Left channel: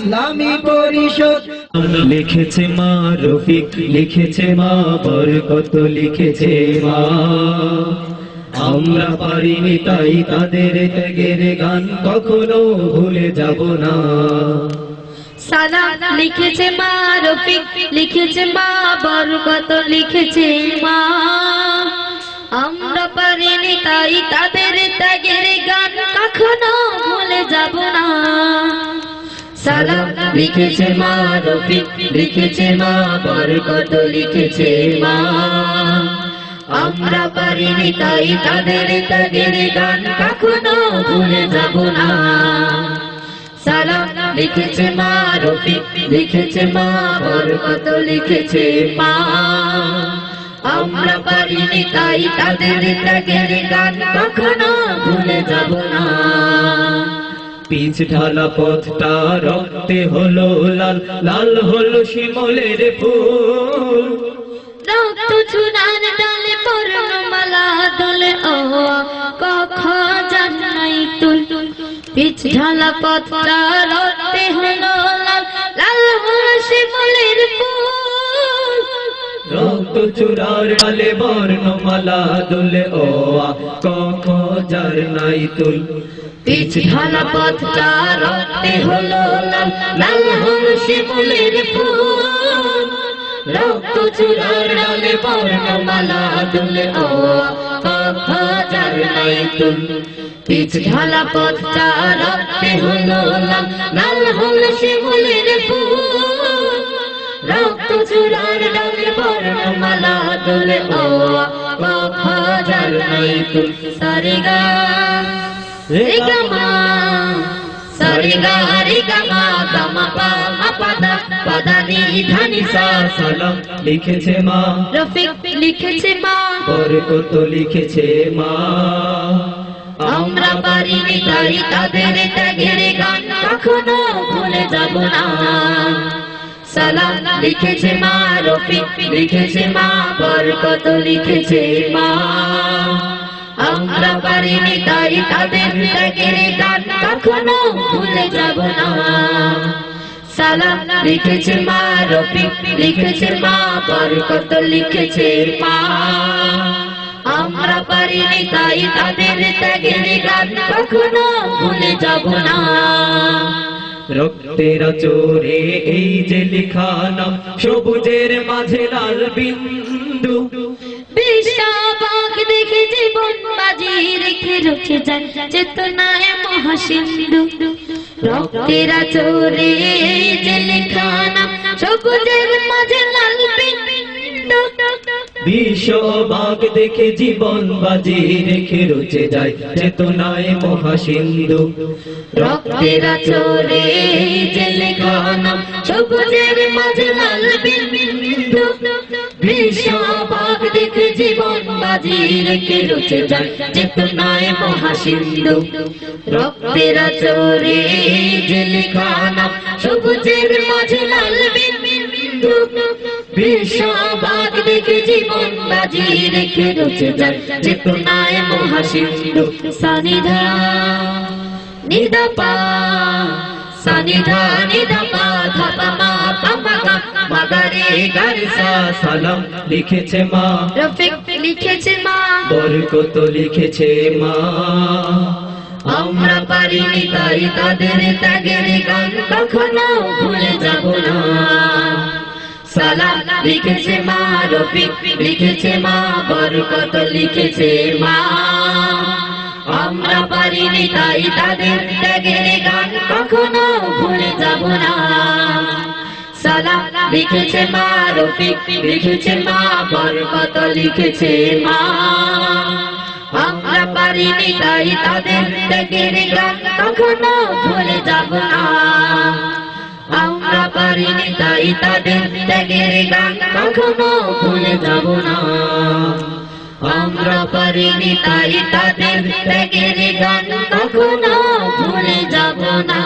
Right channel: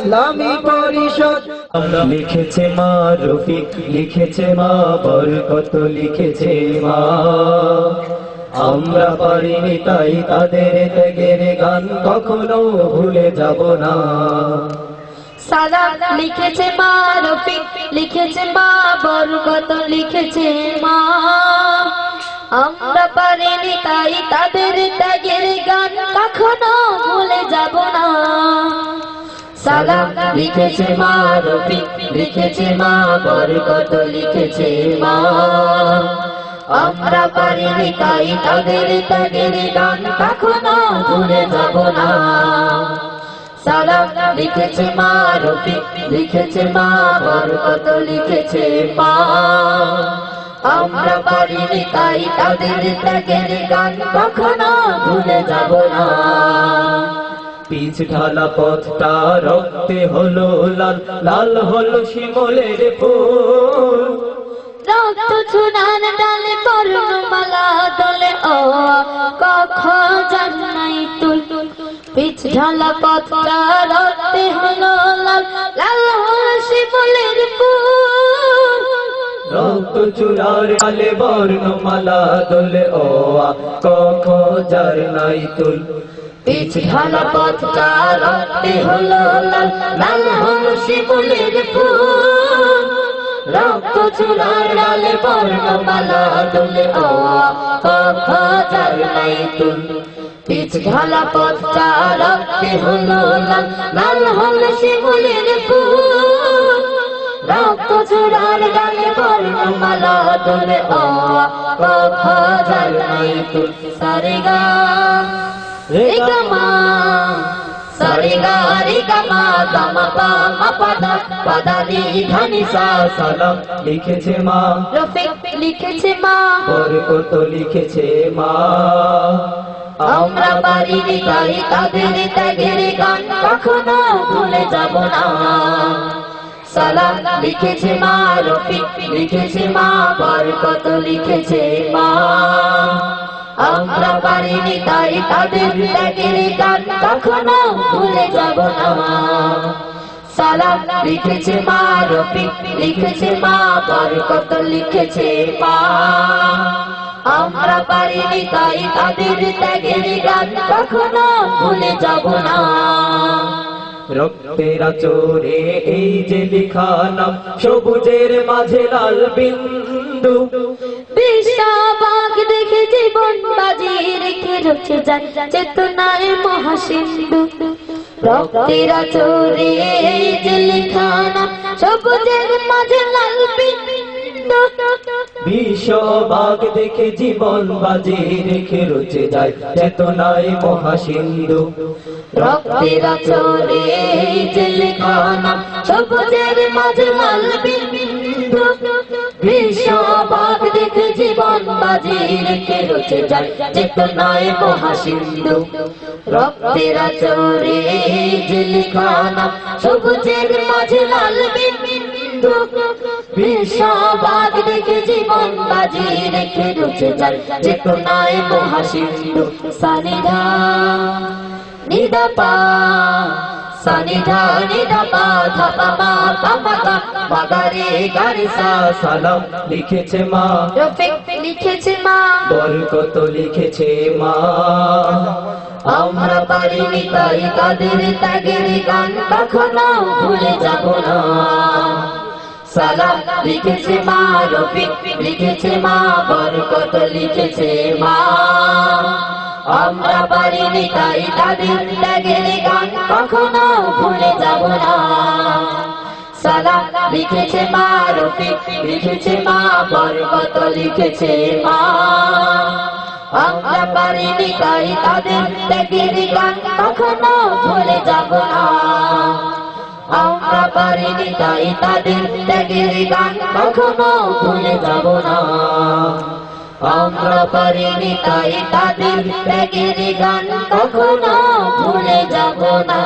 ইসলামী পরিষদ। লিখেছে মা রফিক, লিখেছে মা বরকত, লিখেছে মা। আমরা পারিনি তাই তাদের ত্যাগের গান কখনো ভুলে যাব না। সালাম লিখেছে মা রফিক, লিখেছে মা বরকত, লিখেছে মা। আমরা পারিনি তাই তাদের ত্যাগের গান কখনো ভুলে যাব না। সালাম লিখেছে মা রফিক, লিখেছে মা বরকত, লিখেছে মা। আমরা পারিনি তাই তাদের ত্যাগের গান কখনো ভুলে যাব না। সালাম লিখেছে মা রফিক, লিখেছে মা বরকত, লিখেছে মা। আমরা পারিনি তাই তাদের ত্যাগের গান কখনো ভুলে যাব না। পিচ ঢালা পথটা রক্তে হলো লাল, লাল হলো শিমুলের ফুল। রক্ত ছোড়ার ডালে পর্ণমালা দোলে ও কখ জানাই তুল। পিচ ঢালা পথটা রক্তে হলো লাল, লাল হলো শিমুলের ফুল। রক্ত চূড়ার ডালে বর্ণমালা দোলে ও কখ জানাই তুল। পিচ ঢালা পথটা রক্তে হলো লাল, লাল হলো শিমুলের ফুল। রক্ত চূড়ার ডালে বর্ণমালা দোলে ও কখ জানাই তুল। পিচ ঢালা পথটা রক্তে হলো লাল, লাল হলো শিমুলের ফুল। রক্ত চূড়ার ডালে বর্ণমালা দোলে ও কখ জানাই তুল। সারেগা রে গামা, সারেগা রে গামা, গামা পা মা পাদা, পাদা নি ধা নি সা। সালাম লিখেছে মা রফিক, লিখেছে মা বরকত, লিখেছে মা। আমরা পারিনি তাই তাদের ত্যাগের গান কখনো ভুলে যাব না। সালাম লিখেছে মা রফিক, লিখেছে মা বরকত, লিখেছে মা। আমরা পারিনি তাই তাদের ত্যাগের গান কখনো ভুলে যাব না। সালাম লিখেছে মা রফিক, লিখেছে মা বরকত, লিখেছে মা। আমরা পারিনি তাই তাদের ত্যাগের গান কখনো ভুলে যাব না। রক্তের আচরে এই যে লেখা নাম, সবুজের মাঝে লাল বিন্দু। বিশ্ববাগ দেখে জীবন বাজি রেখে রুখে যায় চেতনায় মহাসিন্ধু। রক্তের আচরে এই যে লেখা নাম, সবুজের মাঝে লাল বিন্দু। বিশ্ববাগ দেখে জীবন বাজি রেখে রুচে যায় চেতনায় মহাসিন্ধু। রক্তের আচরে এই যে লেখা নাম, সবুজের মাঝে লাল বিন্দু। বিশ্ববাগ দেখে জীবন বাজি রেখে রুচে যায় চেতনায় মহাসিন্ধু। রক্তের আচরে এই যে লেখা নাম, সবুজের মাঝে লাল বিন্দু। বিশ্ববাগ দেখে জীবন বাজি রেখে রুচে যায় চেতনায় মহাসিন্ধু। সানিধা নিদা পা, সানিধা নিদা পা, ধাপা মা পামা গা, মাগারে গারে সা। সালাম লিখেছে মা রফিক, লিখেছে মা বরকত, লিখেছে মা। আমরা পারিনি তাই তাদের ত্যাগের গান কখনো ভুলে যাব না। সালাম লিখেছে মা রফিক, লিখেছে মা বরকত, লিখেছে মা। আমরা পারিনি তাই তাদের ত্যাগের গান কখনো ভুলে যাব না। সালাম লিখেছে মা রফিক, লিখেছে মা বরকত, লিখেছে মা। আমরা পারিনি তাই তাদের ত্যাগের গান কখনো ভুলে যাব না। আমরা পারিনি তাই তাদের ত্যাগের গান কখনো ভুলে যাব না। আমরা পারিনি তাই তাদের ত্যাগের গান কখনো ভুলে যাব না।